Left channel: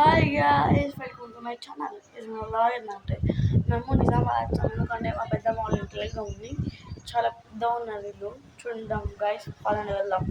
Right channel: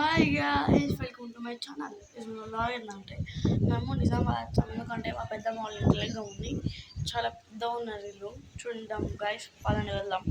Hi guys welcome to my channel. ఇది నా vlog ఏంటంటే మేము నిజామాబాద్ వచ్చాము. ఎందుకంటే మా పెద్ద వాళ్ళ ఇంట్లో ఉంది. చాలా పెద్దగా ఉన్నారు ఇల్లు. చూద్దాం గైస్, పదండి వెళ్దాం.